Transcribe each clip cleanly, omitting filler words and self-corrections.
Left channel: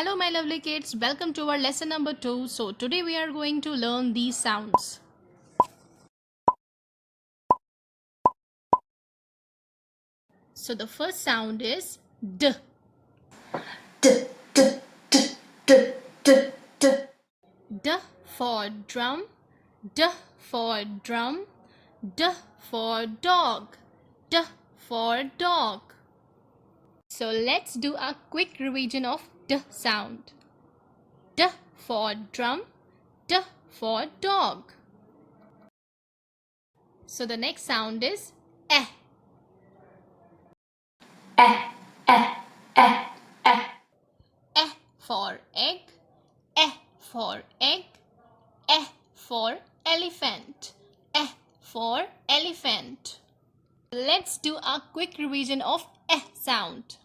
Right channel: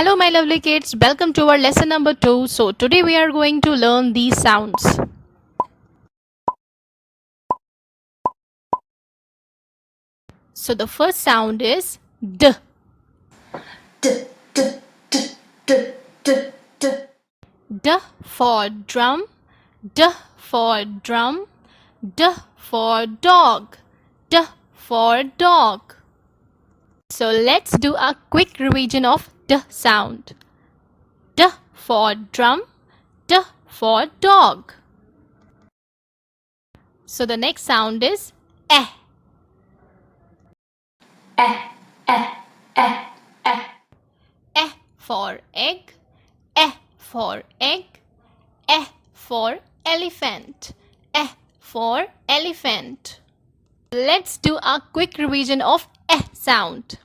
Hello my lovely kids, welcome to our lesson number 2. So today we are going to learn these sounds. So the first sound is D. D, D, D, D, D, D. D for drum, D for drum, D for dog, D for dog. So let's do a quick revision of D sound. D for drum, D for dog. So the next sound is Eh. Eh, eh, eh, eh. E for egg, E for egg, E for elephant, E for elephant. Let's do a quick revision of E sound.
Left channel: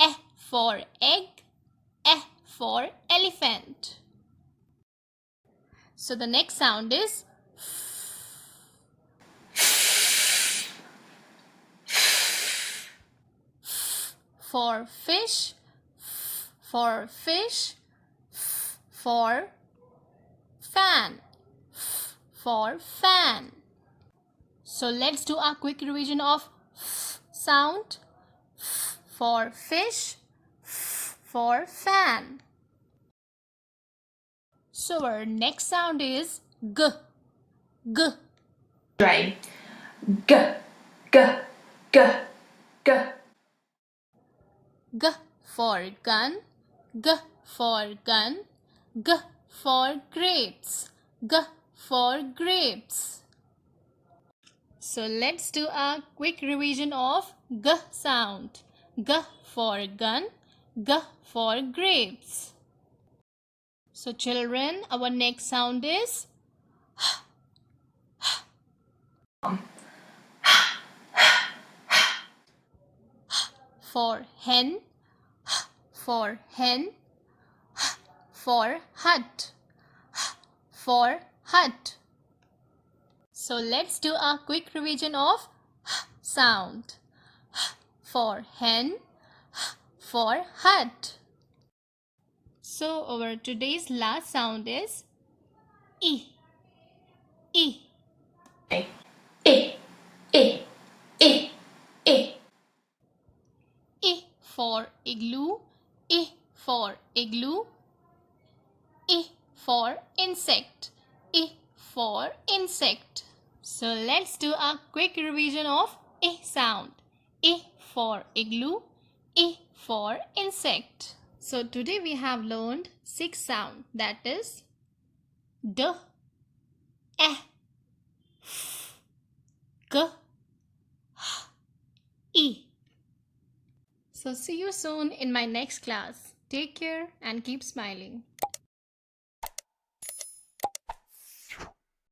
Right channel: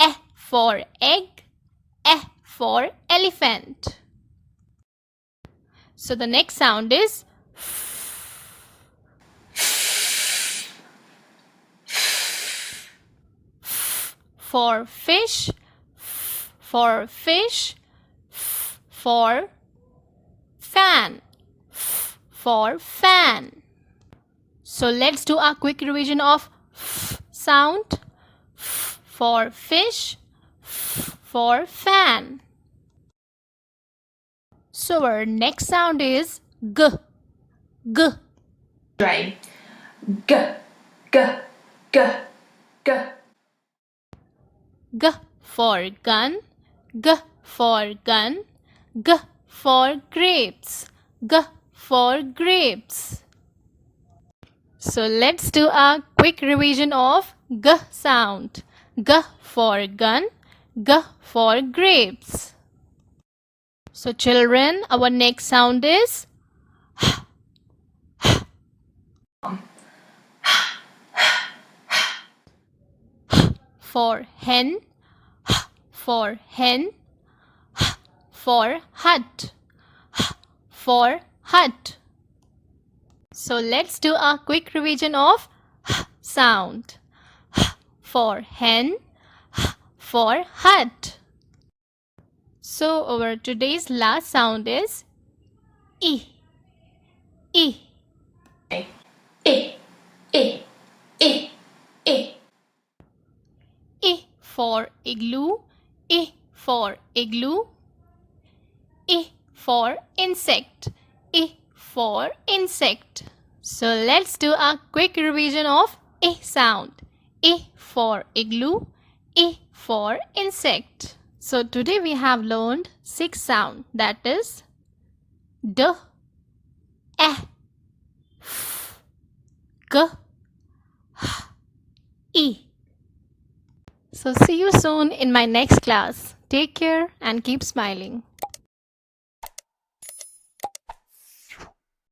E for egg, E for elephant. So the next sound is for fish, for fish, for fan, for fan. So let's do a quick revision of sound. For fish, for fan. So our next sound is G. G. Try. G, G, G, G. G for gun, G for gun, G for grapes, G for grapes. So let's do a quick revision of G sound. G for gun, G for grapes. So children, our next sound is for hen, for hen, for hut, for hut. So let's do a quick revision of sound. For hen, for hut. So our today's last sound is E. E. E, E, E, E, E. E for igloo, E for igloo, E for insect, E for insect. So let's do a quick revision of E sound. E for igloo, E for insect. So today we have learned 6 sounds, that is D, E, F, G, H, E. So see you soon in my next class. Take care and keep smiling.